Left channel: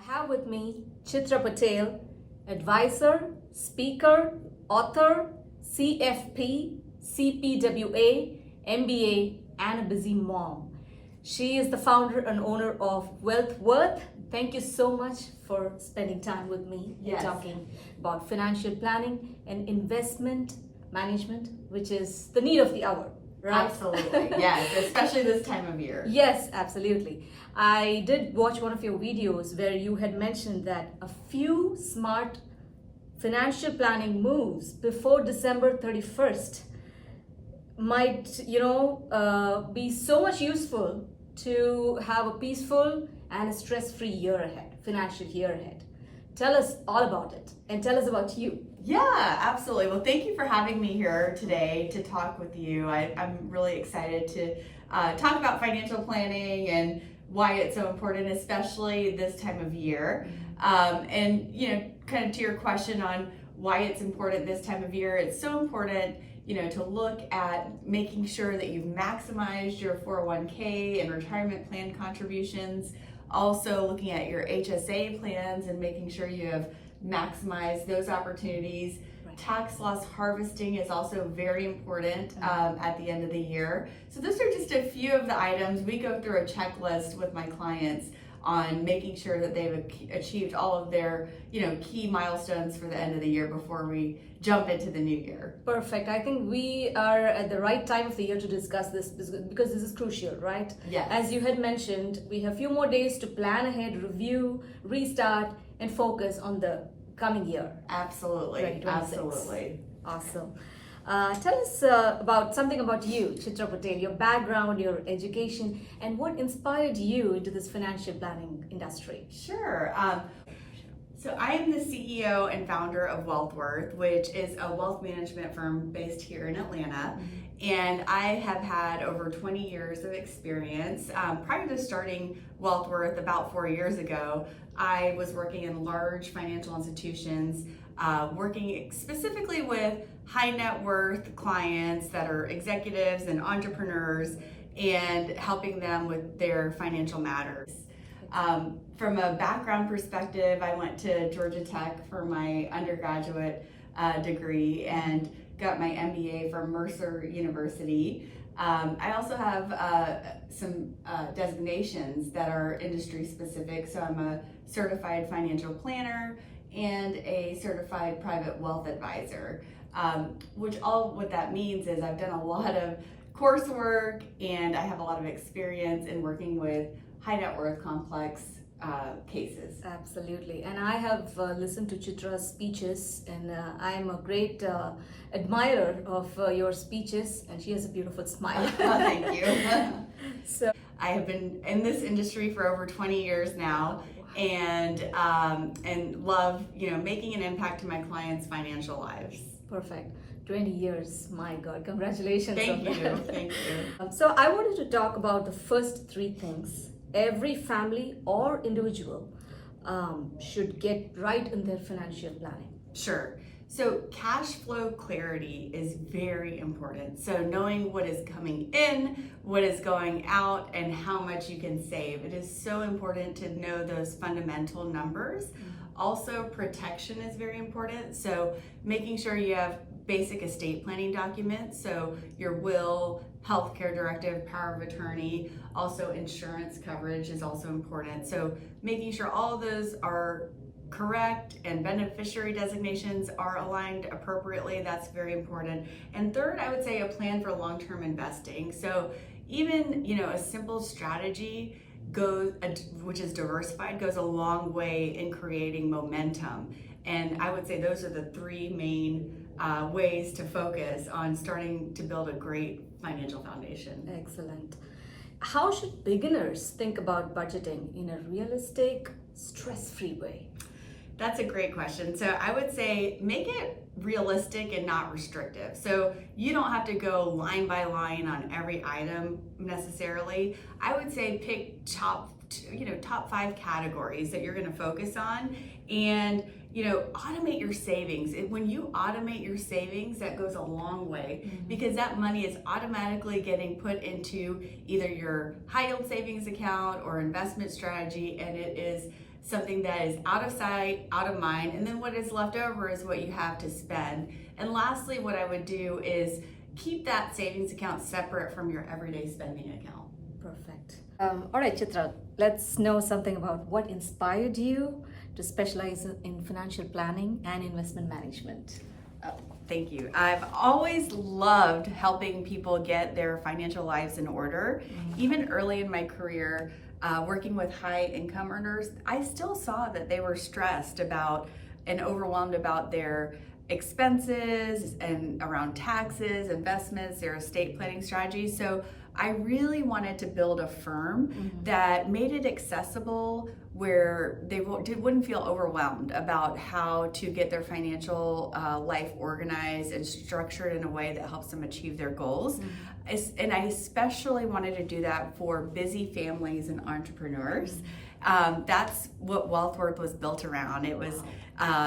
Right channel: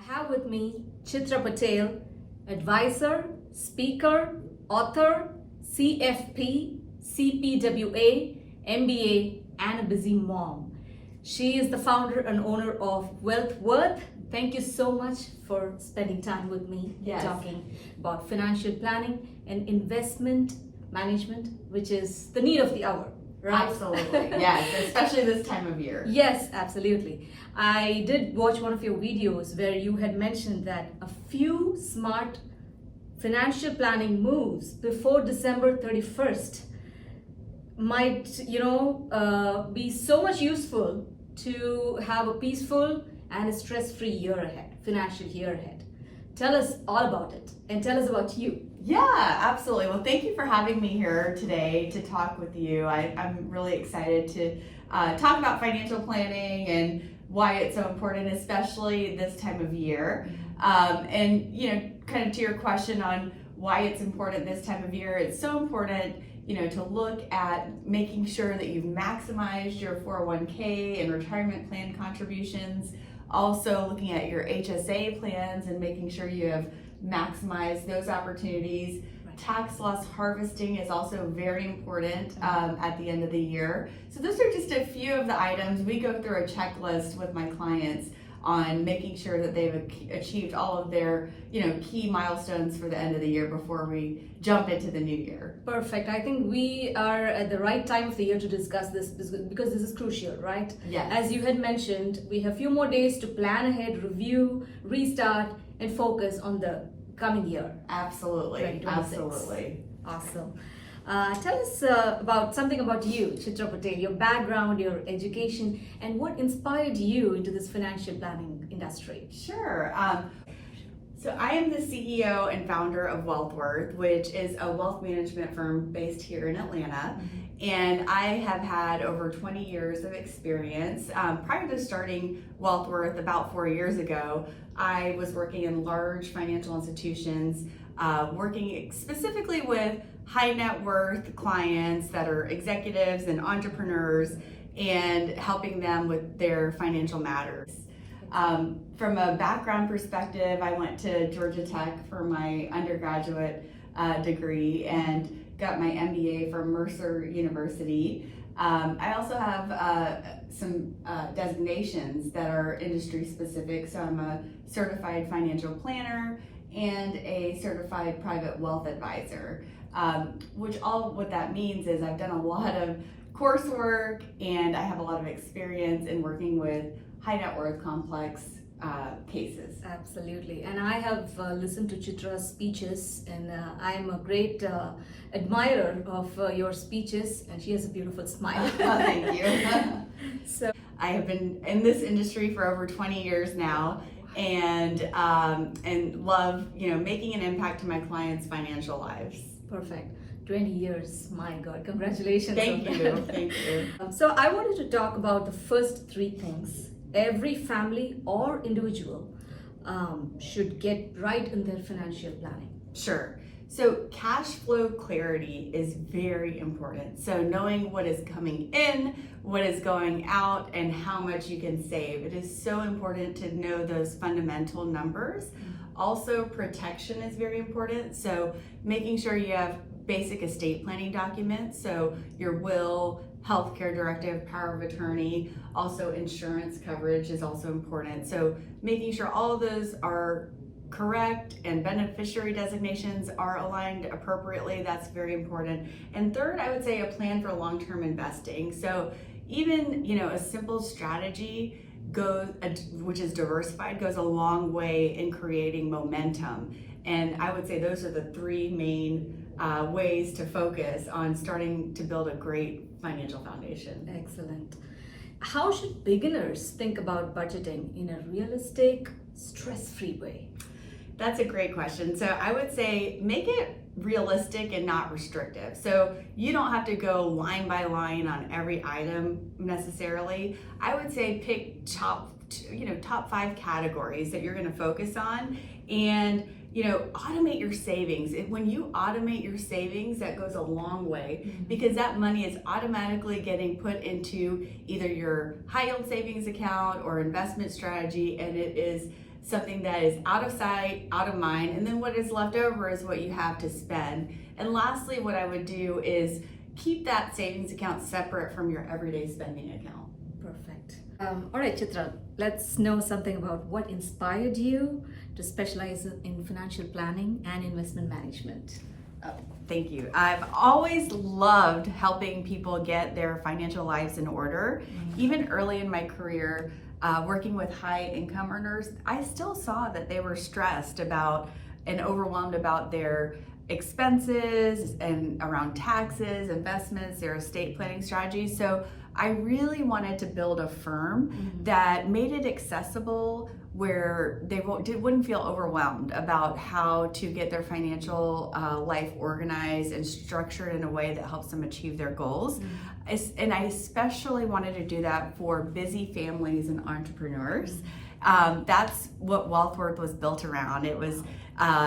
I have with me Chitra Patel, advisor, speaker, author, CFP, CPWA, MBA, and a busy mom. She is the founder and owner of Wealthworth. Thank you so much for spending time with me Yes. talking about financial planning and investment management, which is the need of the hour, right? Absolutely, yes, especially this time of year. Yes, absolutely. I did watch one of your videos where you had mentioned that a few smart financial planning moves before December 31st might, be so much useful to have a peaceful and a stress-free year ahead, financial year ahead. Tell us all about it and tell us about you. Yeah, absolutely. Well, thank you for having me here today to talk with you. I'm really excited to talk about financial planning and why it's so important, especially this time of year. And, kind of to your question on why it's important this time of year, it's so important, to look at making sure that you've maximized your 401k and retirement plan contributions. Also looking at your HSA plans and making sure you have maximized those opportunities. Right. Tax loss harvesting is also very important at the end of the year. So those are just a few of the items. We go through a checklist with my clients on making sure that they've achieved all of their key milestones for the end of the year before we jump into the new year. Perfect. I think we are at the right time of the year to discuss this because this is crucial, right? Yes. As you had mentioned, we have a few more days to plan ahead, review, restart, and focus on the coming year. Absolutely. 2026. Absolutely. Awesome. Tell us about something about you, Chitra Patel, your background, your education, and what inspired you into this financial planning industry. Sure. So I am the CEO and founder of Wealthworth, which is a wealth management firm based here in Atlanta. And I have had over 20 years of experience. Prior to starting Wealthworth about 4 years ago, I was working in large financial institutions, working specifically with high net worth clients that are executives and entrepreneurs and helping them with their financial matters. From a background perspective, I went to Georgia Tech for my undergraduate degree and got my MBA from Mercer University. I also have some designations that are industry specific. So I'm a certified financial planner and a certified private wealth advisor. What that means is I've done a lot of coursework and I have a lot of experience in working with high net worth complex cases. Absolutely. And I have listened to Chitra's speeches, and I am a great admirer of your speeches, and she has a beautiful smile. Thank you. So I have been in this industry for over 20 years now, and love making an impact to my clients' financial lives. perfect. 20 years, my God, congratulations. Thank on you. that. Thank you. So I wanted to talk about the first three things every family or individual should get right in their financial planning. Sure. So cash flow clarity is very important. So knowing what is coming in, what is going out, and how much you can save. It is so important to know those fundamental numbers. Also, protection is very important. So making sure you have basic estate planning documents. So your will, healthcare directive, power of attorney, also insurance coverage is also important. So making sure all of those are correct and beneficiary designations are aligned appropriately, that's very important. And third, I would say a plan for long-term investing. So even, a simple strategy which is diversified, goes a long way in creating momentum. And I would say those are the three main ways to focus on starting to build a great financial foundation. Excellent. How should beginners think about budgeting in a realistic, stress-free way? That's a great question. So I would say make it realistic and not restrictive. So you don't have to go line by line on every item necessarily. I would say pick top 5 categories that you're going to focus on, and automate your savings. When you automate your savings, that goes a long way because that money is automatically getting put into either your high yield savings account or investment strategy, and it is something that is out of sight, out of mind, and then what is left over is what you have to spend. And lastly, what I would do is keep that savings account separate from your everyday spending account. Perfect. All right, Chitra, let's know something about what inspired you to specialize in financial planning and investment management. Thank you. I've always loved helping people get their financial lives in order. Even early in my career, working with high income earners, I still saw that they were stressed about and overwhelmed about their expenses and around taxes, investments, their estate planning strategies. So I really wanted to build a firm that made it accessible, where they wouldn't feel overwhelmed about how to get their financial life organized and structured in a way that helps them achieve their goals. And I especially wanted to do that for busy families and entrepreneurs. That's what Wealthworth was built around. It was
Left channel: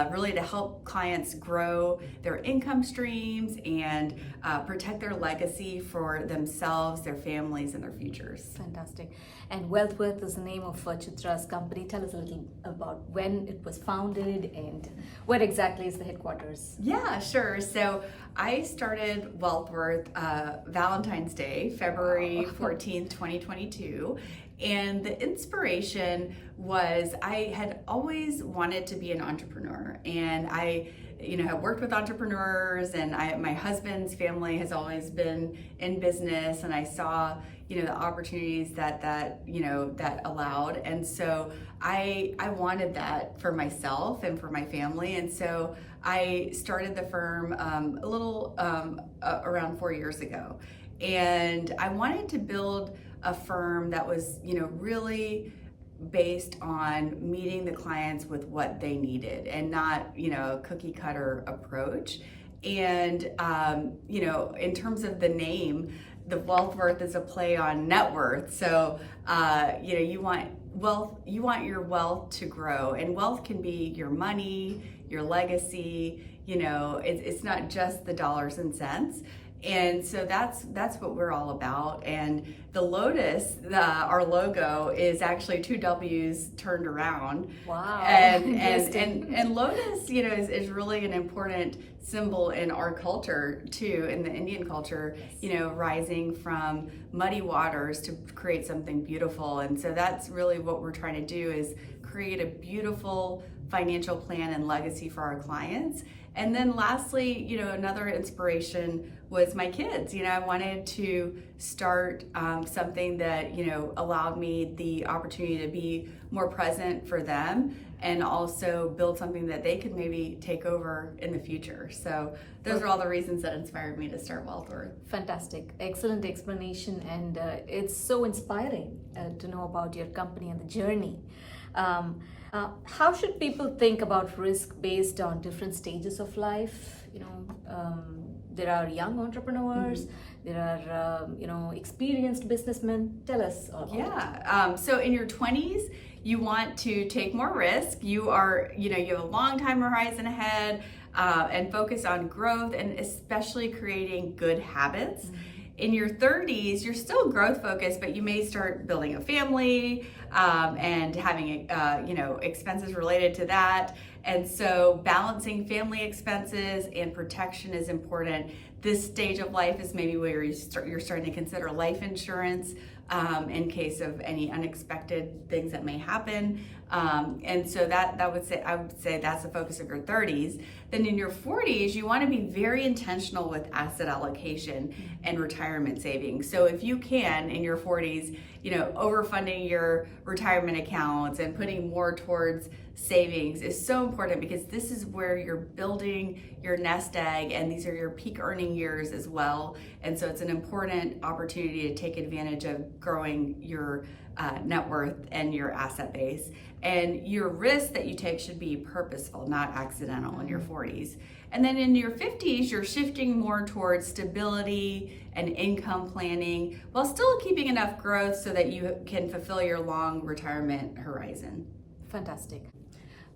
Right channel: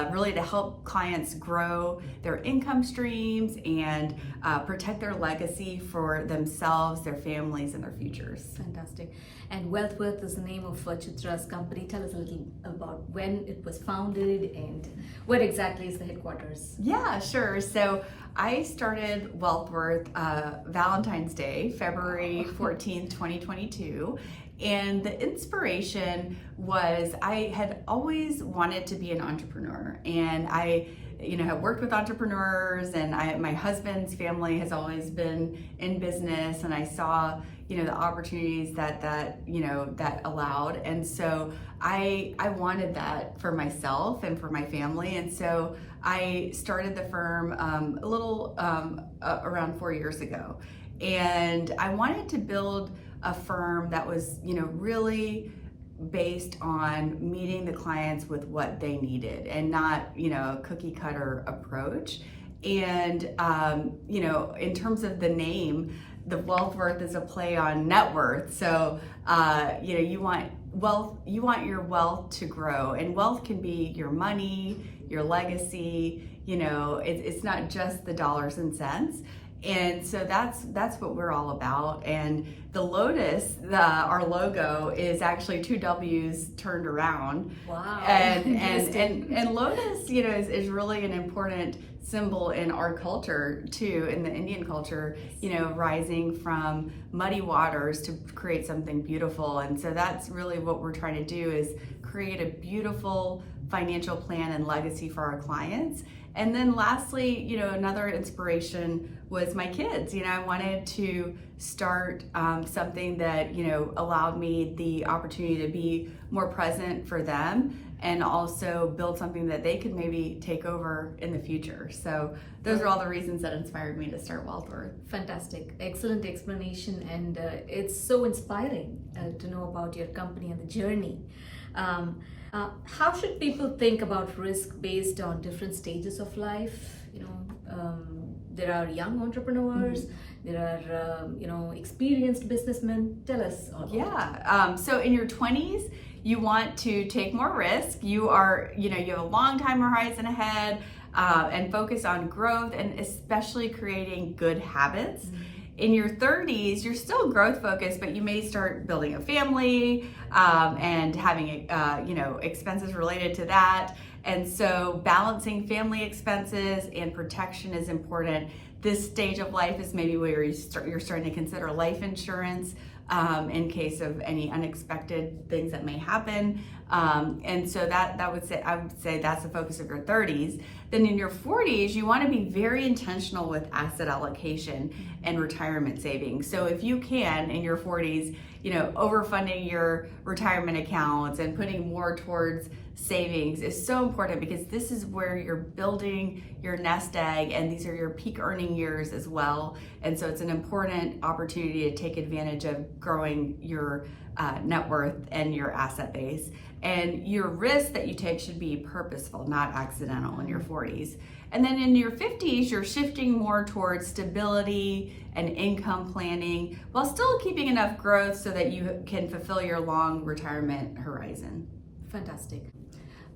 really to help clients grow their income streams and protect their legacy for themselves, their families, and their futures. Fantastic. And Wealthworth is the name of Chitra's company. Tell us a little about when it was founded and where exactly is the headquarters? Yeah, sure. So I started Wealthworth Valentine's Day, February 14th, 2022. And the inspiration was I had always wanted to be an entrepreneur, and I have worked with entrepreneurs, and my husband's family has always been in business, and I saw the opportunities that allowed, and so I wanted that for myself and for my family, and so I started the firm a little around 4 years ago, and I wanted to build a firm that was really based on meeting the clients with what they needed and not a cookie cutter approach. And in terms of the name, the Wealthworth is a play on net worth. So you want your wealth to grow, and wealth can be your money, your legacy. It's not just the dollars and cents. And so that's what we're all about. And the lotus, our logo, is actually two W's turned around. Wow. And lotus, is really an important symbol in our culture too, in the Indian culture, rising from muddy waters to create something beautiful. And so that's really what we're trying to do, is create a beautiful financial plan and legacy for our clients. And then lastly, another inspiration was my kids. I wanted to start something that, allowed me the opportunity to be more present for them, and also build something that they could maybe take over in the future. So those are all the reasons that inspired me to start Wealthworth. Fantastic. Excellent explanation. And it's so inspiring to know about your company and the journey. How should people think about risk based on different stages of life? There are young entrepreneurs, there are experienced businessmen. Tell us all about it. So in your 20s, you want to take more risk. You have a long time horizon ahead, and focus on growth and especially creating good habits. In your 30s, you're still growth focused, but you may start building a family and having expenses related to that. And so balancing family expenses and protection is important. This stage of life is maybe where you're starting to consider life insurance in case of any unexpected things that may happen. And so I would say that's the focus of your 30s. Then in your 40s, you want to be very intentional with asset allocation and retirement savings. So if you can, in your 40s, overfunding your retirement accounts and putting more towards savings is so important, because this is where you're building your nest egg, and these are your peak earning years as well. And so it's an important opportunity to take advantage of growing your net worth and your asset base. And your risk that you take should be purposeful, not accidental, in your 40s. And then in your 50s, you're shifting more towards stability and income planning, while still keeping enough growth so that you can fulfill your long retirement horizon. Fantastic.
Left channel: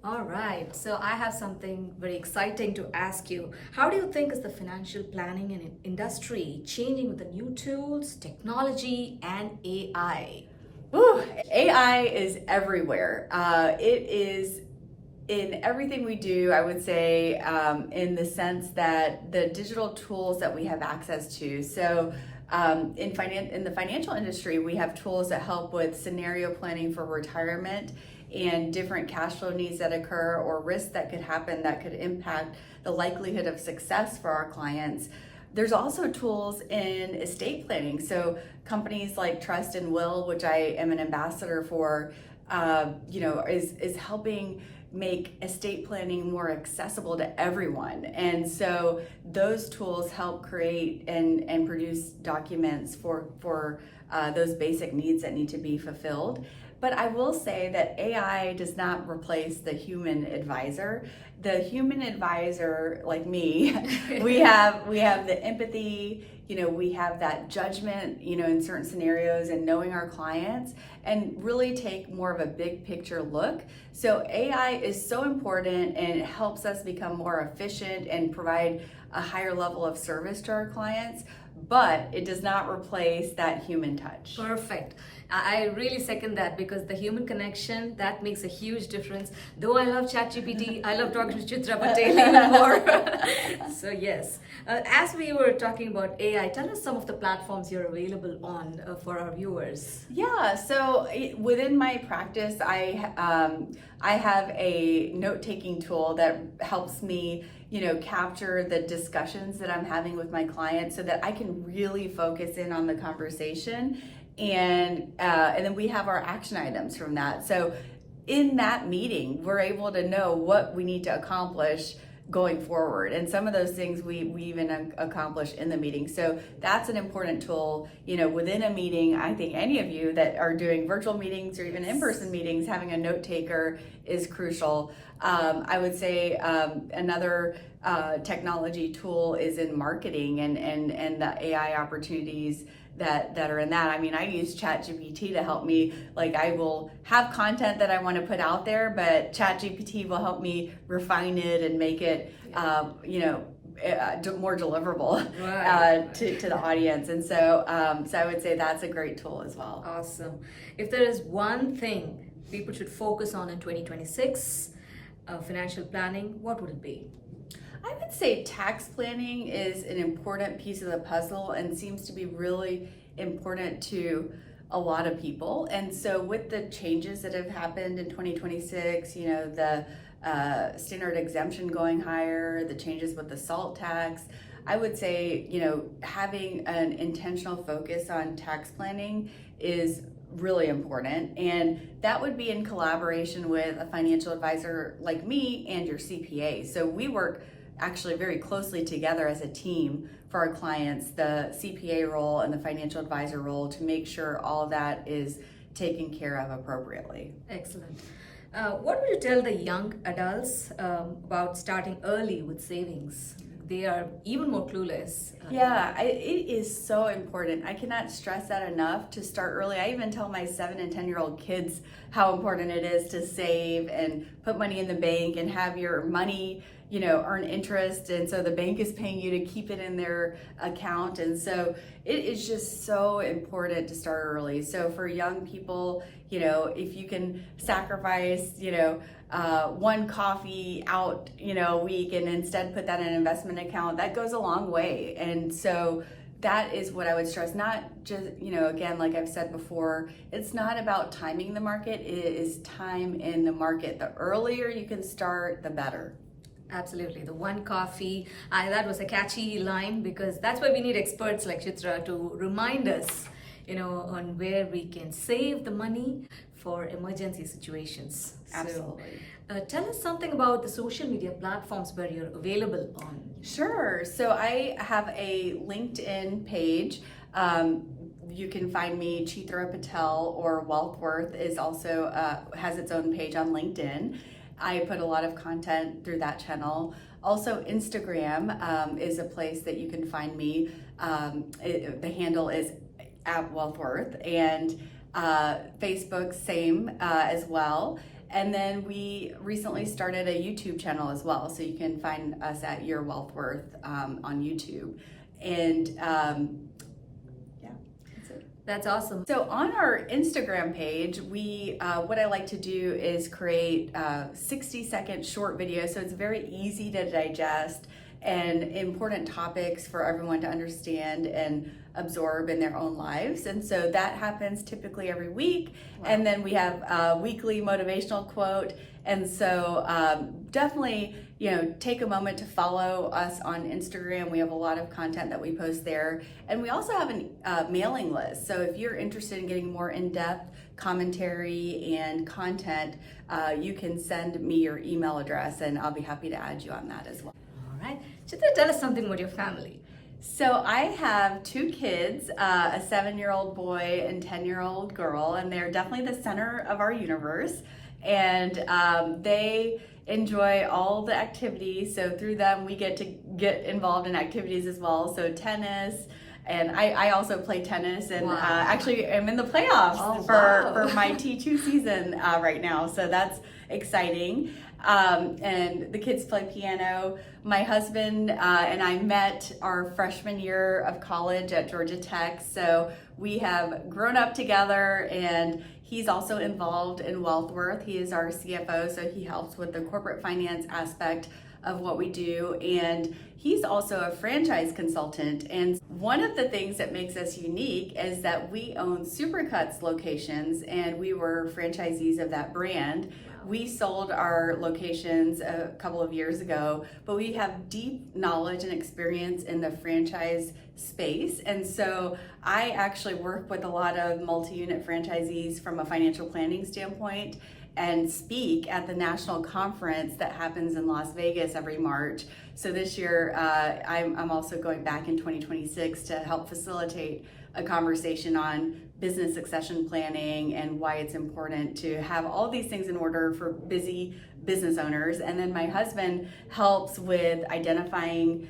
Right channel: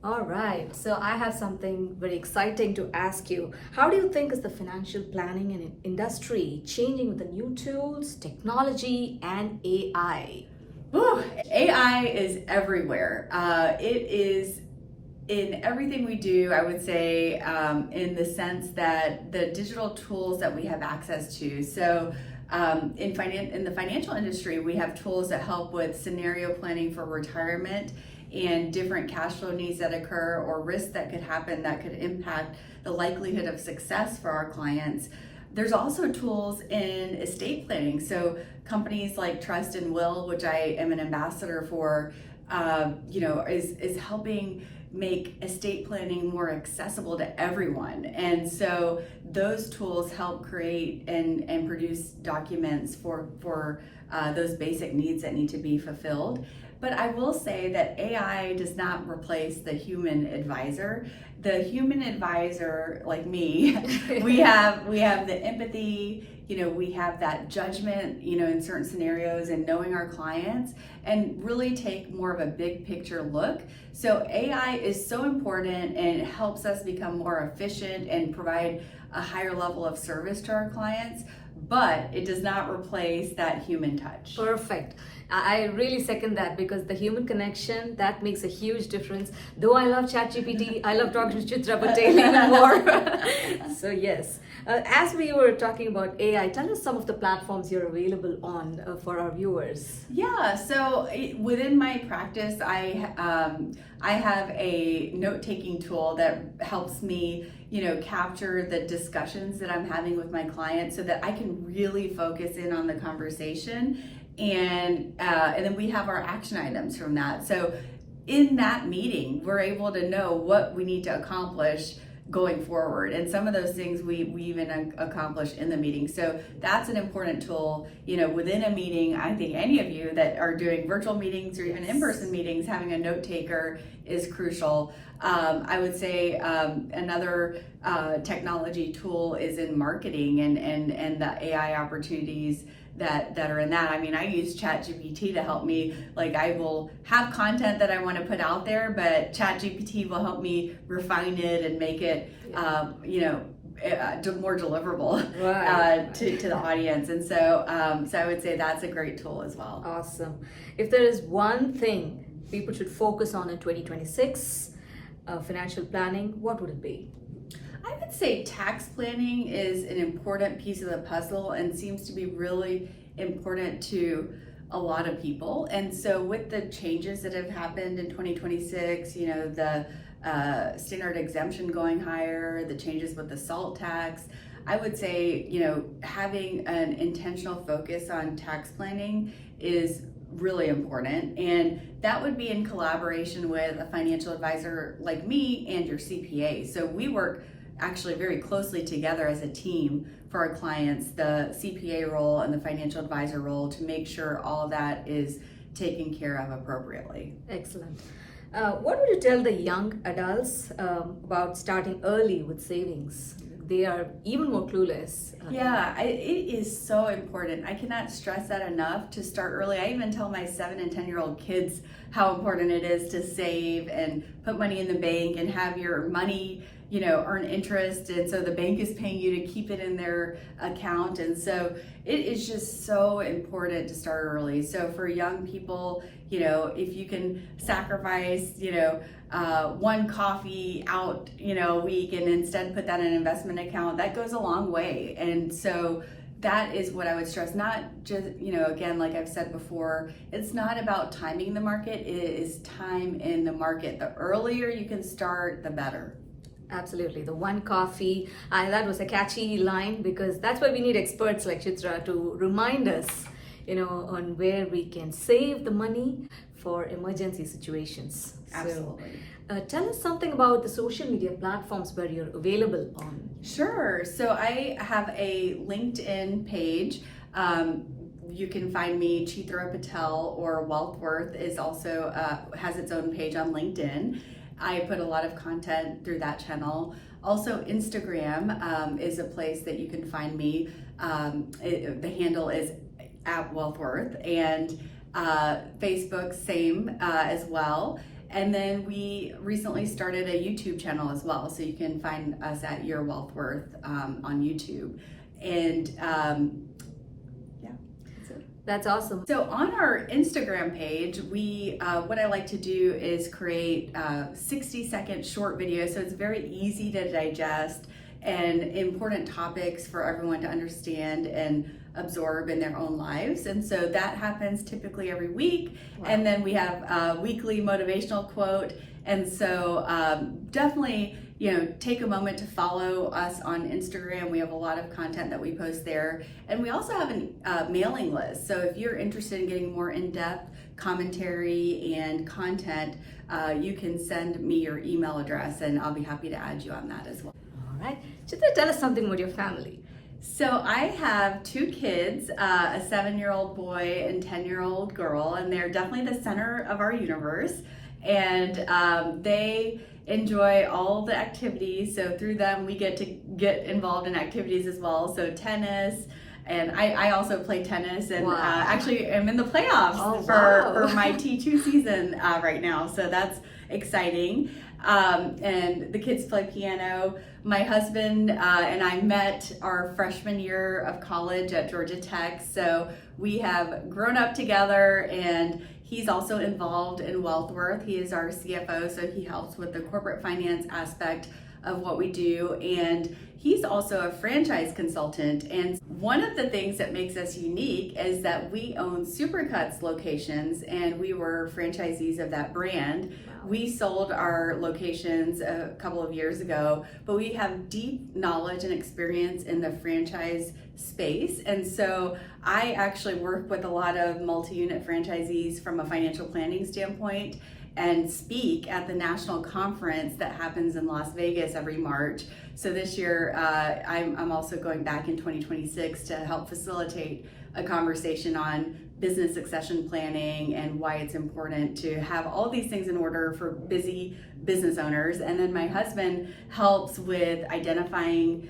All right, so I have something very exciting to ask you. How do you think is the financial planning and industry changing with the new tools, technology, and AI? Whew, AI is everywhere. It is in everything we do, I would say, in the sense that the digital tools that we have access to. So in the financial industry, we have tools that help with scenario planning for retirement and different cash flow needs that occur or risks that could happen that could impact the likelihood of success for our clients. There's also tools in estate planning. So companies like Trust and Will, which I am an ambassador for, is helping make estate planning more accessible to everyone. And so those tools help create and produce documents for those basic needs that need to be fulfilled. But I will say that AI does not replace the human advisor. The human advisor, like me, we have the empathy, we have that judgment, in certain scenarios and knowing our clients and really take more of a big picture look. So AI is so important and it helps us become more efficient and provide a higher level of service to our clients, but it does not replace that human touch. Perfect. I really second that because the human connection, that makes a huge difference. Though I love ChatGPT, I love talking to Chitra Patel even more. So yes, as we were talking about AI, tell us some of the platforms you're available on for our viewers. Yeah, so within my practice, I have a note-taking tool that helps me, capture the discussions that I'm having with my clients so that I can really focus in on the conversation. And then we have our action items from that. So in that meeting, we're able to know what we need to accomplish going forward. And some of those things we even accomplish in the meeting. So that's an important tool, within a meeting. I think any of you that are doing virtual meetings or even in-person meetings, having a note taker is crucial. I would say another technology tool is in marketing and the AI opportunities that are in that. I mean, I use ChatGPT to help me. Like, I will have content that I want to put out there, but ChatGPT will help me refine it and make it, more deliverable to the audience. And so I would say that's a great tool as well. Awesome. If there is one thing people should focus on in 2026, financial planning, what would it be? I would say tax planning is an important piece of the puzzle and seems to be really important to a lot of people. And so with the changes that have happened in 2026, the standard exemption going higher, the changes with the SALT tax, I would say, having an intentional focus on tax planning is really important. And that would be in collaboration with a financial advisor like me and your CPA. So we work actually very closely together as a team for our clients, the CPA role and the financial advisor role, to make sure all of that is taken care of appropriately. Excellent. What would you tell the young adults about starting early with savings? They are even more clueless. It is so important. I cannot stress that enough to start early. I even tell my 7 and 10-year-old kids how important it is to save and put money in the bank and have your money earn interest, and so the bank is paying you to keep it in their account. And so it is just so important to start early. So for young people, if you can sacrifice, one coffee out, a week and instead put that in an investment account, that goes a long way. And so that is what I would stress. Not just, again, like I've said before, it's not about timing the market, it is time in the market. The earlier you can start, the better. Absolutely. The one coffee, that was a catchy line, because that's why we need experts like Chitra to remind us, on where we can save the money for emergency situations. Absolutely. So, tell us something about the social media platforms where you're available on. Sure. So I have a LinkedIn page. You can find me, Chitra Patel, or Wealthworth is also has its own page on LinkedIn. I put a lot of content through that channel. Also, Instagram is a place that you can find me. The handle is @Wealthworth, and Facebook, same as well. And then we recently started a YouTube channel as well, so you can find us at Your Wealthworth on YouTube. And that's it. That's awesome. So on our Instagram page, we what I like to do is create 60-second short videos, so it's very easy to digest and important topics for everyone to understand and absorb in their own lives. And so that happens typically every week. Wow. And then we have a weekly motivational quote. And so definitely, take a moment to follow us on Instagram. We have a lot of content that we post there. And we also have a mailing list. So if you're interested in getting more in-depth commentary and content, you can send me your email address and I'll be happy to add you on that as well. All right. Chitra, tell us something about your family. So I have 2 kids, a 7-year-old boy and 10-year-old girl, and they're definitely the center of our universe. And they enjoy all the activities. So through them, we get to get involved in activities as well. So tennis, and I also play tennis, and wow. Actually I'm in the playoffs for my T2 season right now. So that's exciting. And the kids play piano. My husband and I met our freshman year of college at Georgia Tech. So we have grown up together, and he's also involved in Wealthworth. He is our CFO, so he helps with the corporate finance aspect of what we do. And he's also a franchise consultant. And one of the things that makes us unique is that we own Supercuts locations, and we were franchisees of that brand. We sold our locations a couple of years ago, but we have deep knowledge and experience in the franchise space. And so I actually work with a lot of multi-unit franchisees from a financial planning standpoint and speak at the national conference that happens in Las Vegas every March. So this year, I'm also going back in 2026 to help facilitate a conversation on business succession planning and why it's important to have all these things in order for busy business owners. And then my husband helps with identifying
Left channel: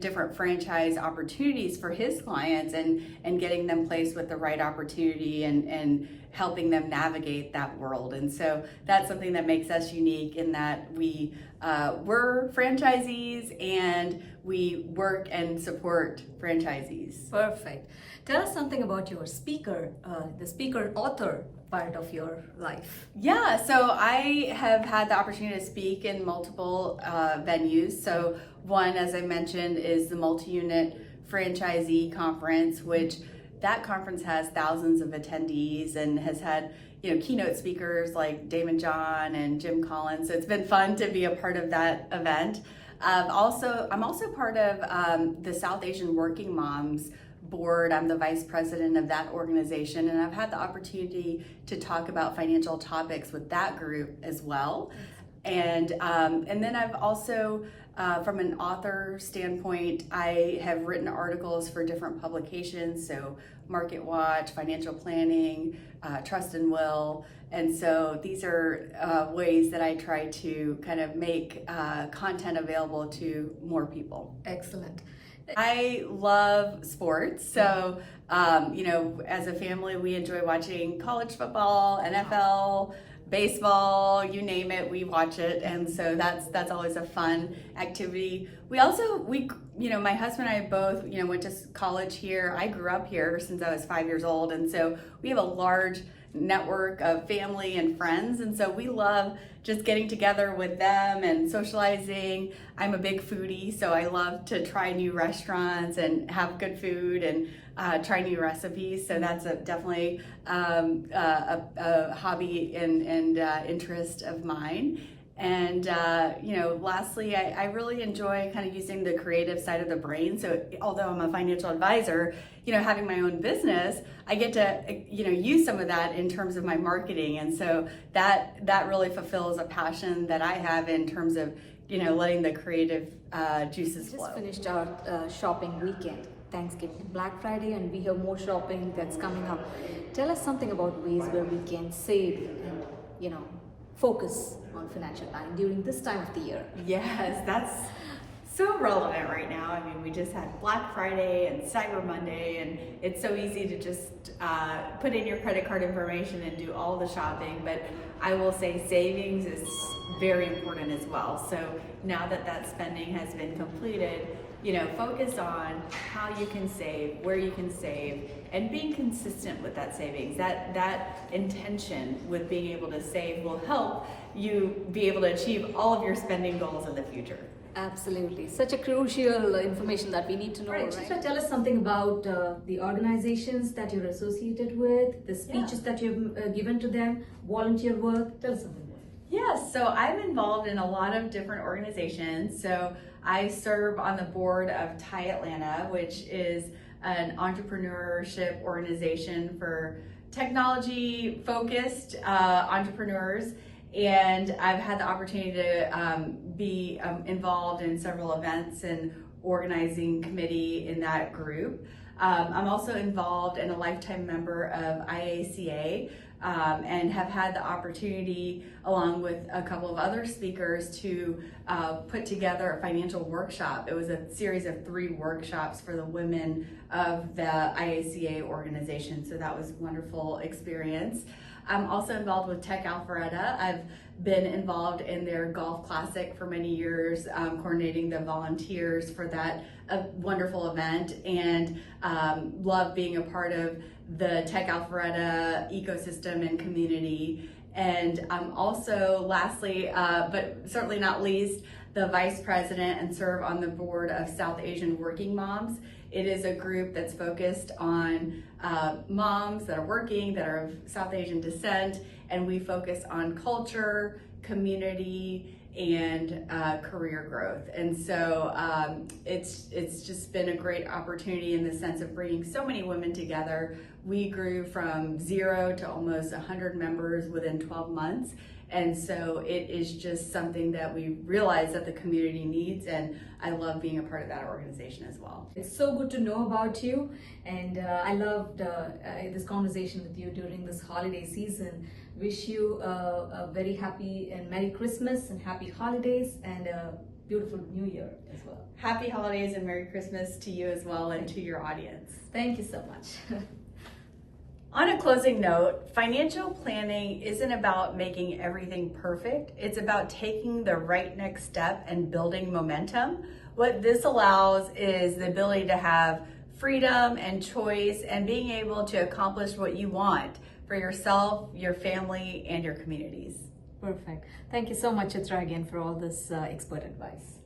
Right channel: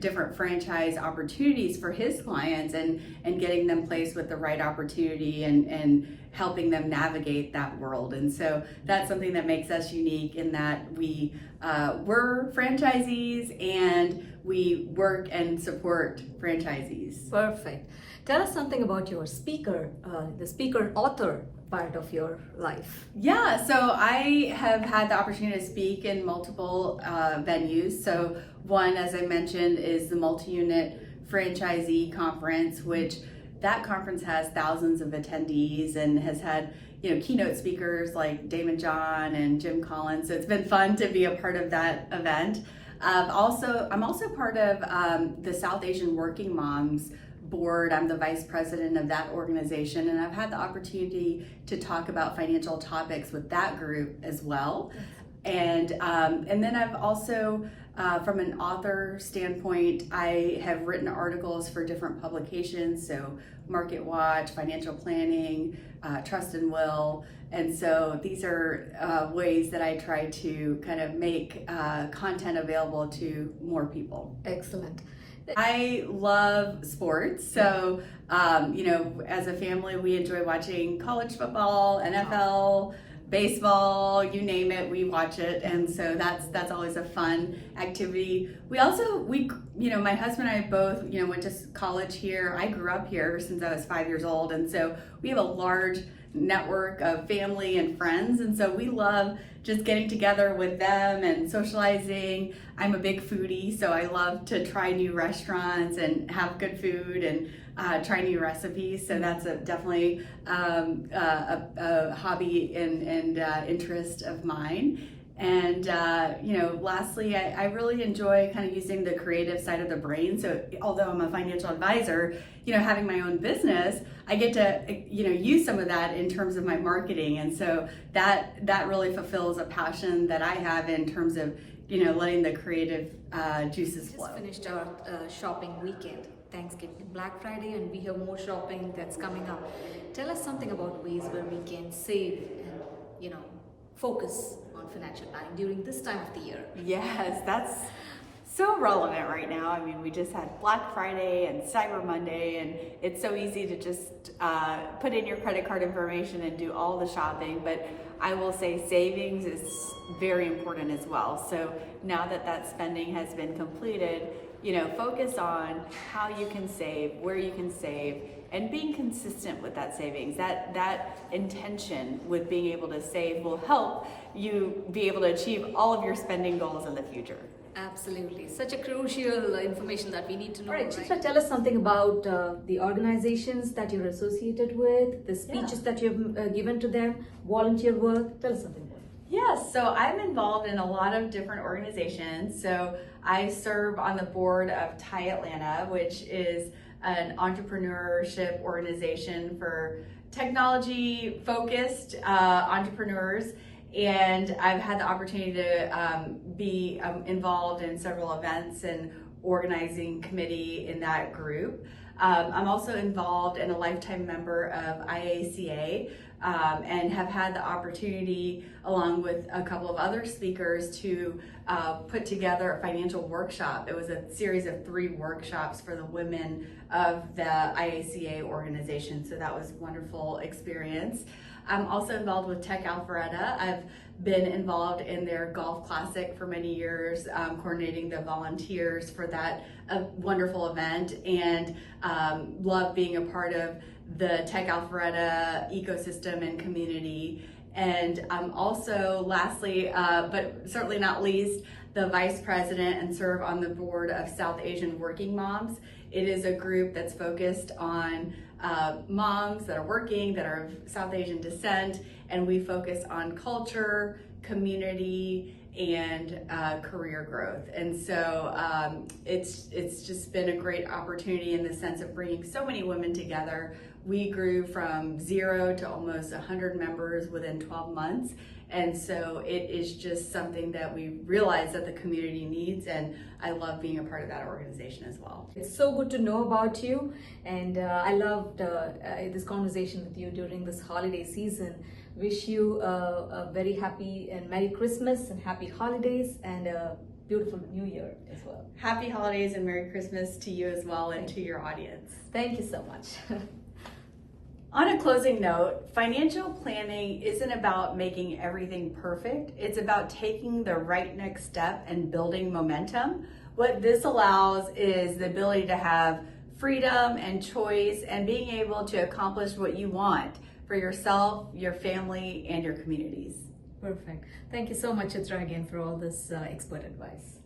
different franchise opportunities for his clients and getting them placed with the right opportunity and helping them navigate that world. And so that's something that makes us unique in that we're franchisees and we work and support franchisees. Perfect. Tell us something about your the speaker author part of your life. Yeah, so I have had the opportunity to speak in multiple venues. So one, as I mentioned, is the multi-unit franchisee conference, which that conference has thousands of attendees and has had keynote speakers like Damon John and Jim Collins. So it's been fun to be a part of that event. I'm also part of the South Asian Working Moms board. I'm the vice president of that organization, and I've had the opportunity to talk about financial topics with that group as well. And then I've also, from an author standpoint, I have written articles for different publications, so Market Watch, Financial Planning, Trust and Will. And so these are ways that I try to kind of make content available to more people. Excellent. I love sports. So, as a family, we enjoy watching college football, NFL, baseball, you name it, we watch it. And so that's always a fun activity. We my husband and I both, went to college here. I grew up here since I was 5 years old. And so we have a large network of family and friends. And so we love just getting together with them and socializing. I'm a big foodie, so I love to try new restaurants and have good food and try new recipes. So that's definitely a hobby and interest of mine. And lastly, I really enjoy kind of using the creative side of the brain. So although I'm a financial advisor, having my own business, I get to use some of that in terms of my marketing. And so that really fulfills a passion that I have in terms of letting the creative juices flow. Just finished our shopping weekend, Thanksgiving, Black Friday, and we have more shopping that's coming up. Tell us something about ways where we can save and focus on financial planning during this time of the year. Yes, that's so relevant right now. I mean, we just had Black Friday and Cyber Monday, and it's so easy to just put in your credit card information and do all the shopping. But I will say savings is very important as well. So now that spending has been completed, focus on how you can save, where you can save, and being consistent with that savings. That intention with being able to save will help you be able to achieve all of your spending goals in the future. Absolutely. Such a crucial information that we need to know. Right. Chitra, tell us something about the organizations that you're associated with, the speeches that you've given to them, volunteer work. Tell us something more. Yes, so I'm involved in a lot of different organizations. So I serve on the board of TIE Atlanta, which is an entrepreneurship organization for technology-focused entrepreneurs. And I've had the opportunity to be involved in several events and organizing committee in that group. I'm also involved and a lifetime member of IACA and have had the opportunity, along with a couple of other speakers, to put together a financial workshop. It was a series of 3 workshops for the women of the IACA organization, so that was a wonderful experience. I'm also involved with Tech Alpharetta. I've been involved in their golf classic for many years, coordinating the volunteers for that wonderful event, and love being a part of the Tech Alpharetta ecosystem and community. And I'm also, lastly, but certainly not least, the vice president and serve on the board of South Asian Working Moms. It is a group that's focused on moms that are working, that are of South Asian descent, and we focus on culture, community, and career growth. And so it's just been a great opportunity in the sense of bringing so many women together. We grew from 0 to almost 100 members within 12 months. And so it is just something that we realize that the community needs, and I love being a part of that organization as well. It's so good to know about you, and I loved this conversation with you during this holiday season. Wish you a very happy and Merry Christmas and Happy Holidays and a beautiful New Year as well. Happy holidays and Merry Christmas to you as well and to your audience. Thank you so much. On a closing note, financial planning isn't about making everything perfect. It's about taking the right next step and building momentum. What this allows is the ability to have freedom and choice and being able to accomplish what you want for yourself, your family, and your communities. Perfect. Thank you so much, Chitra, again for all this expert advice.